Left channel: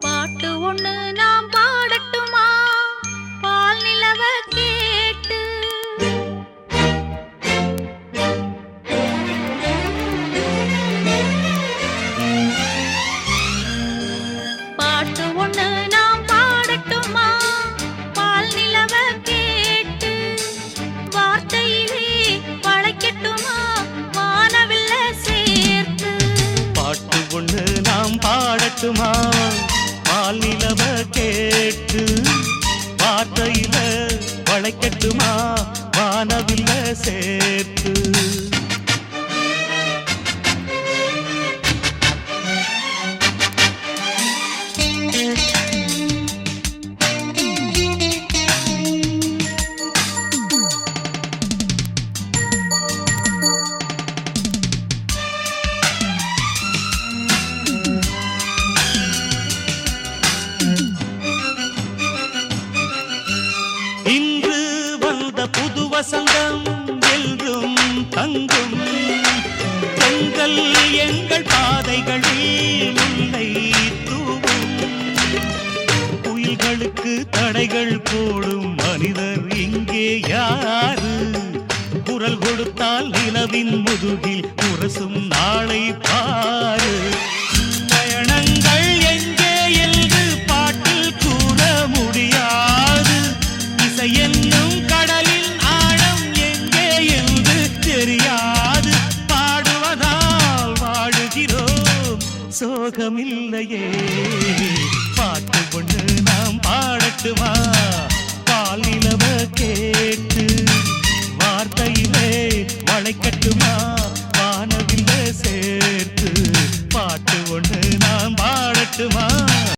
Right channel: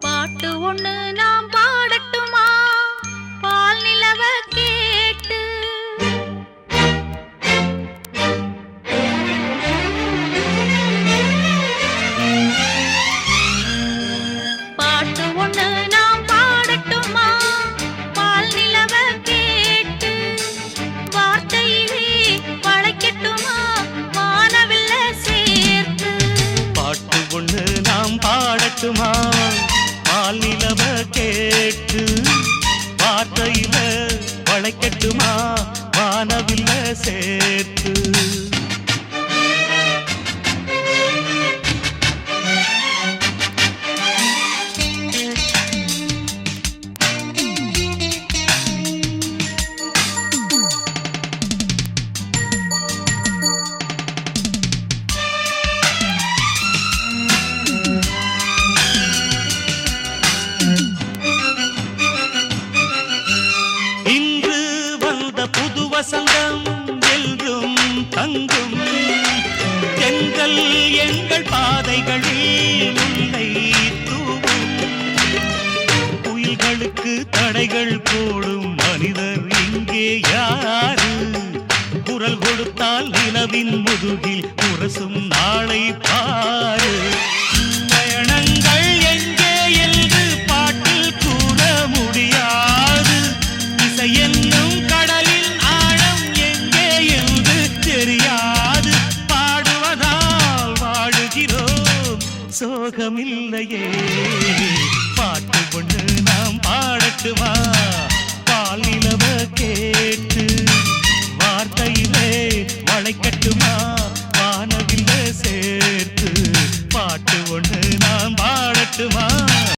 பாட்டு ஒண்ணு நாம் பாடட்டுமா பால் நிலவ கேட்டு பாட்டு ஒண்ணு நாம் பாடட்டுமா பால் நிலவ கேட்டு வார்த்தையிலே வளைக்கட்டுமா வானவில்ல சேர்த்து பாட்டு ஒண்ணு நாம் பாடட்டுமா பால் நிலவ கேட்டு வார்த்தையில வளைக்கட்டுமா வானவில்ல சேர்த்து இன்று வந்த புது வசந்தம் என்றும் தங்கும் எங்கள் எங்கள் பாதைகளில் முல்லை தூவும் குயில்களுக்கு தடைகள் போடும் மனிதர் இங்கே யாரு குரல் கொடுத்தால் நிலவின் முதுகில் உரசும் நாளை பாரு பயணங்கள் எங்கே என்று பாட்டில் கூற முடியாது இசை என்னும் கடலின் ஆழம் எங்கே என்று தெரியாது பாடுவதால் வாழுகிறோம் சோகமில்லையே பாட்டு ஒண்ணு நாம் பாடட்டுமா பால் நிலவ கேட்டு வார்த்தையிலே வளைக்கட்டுமா வானவில்ல சேர்த்து பாட்டு ஒண்ணு நாம் பாடட்டுமா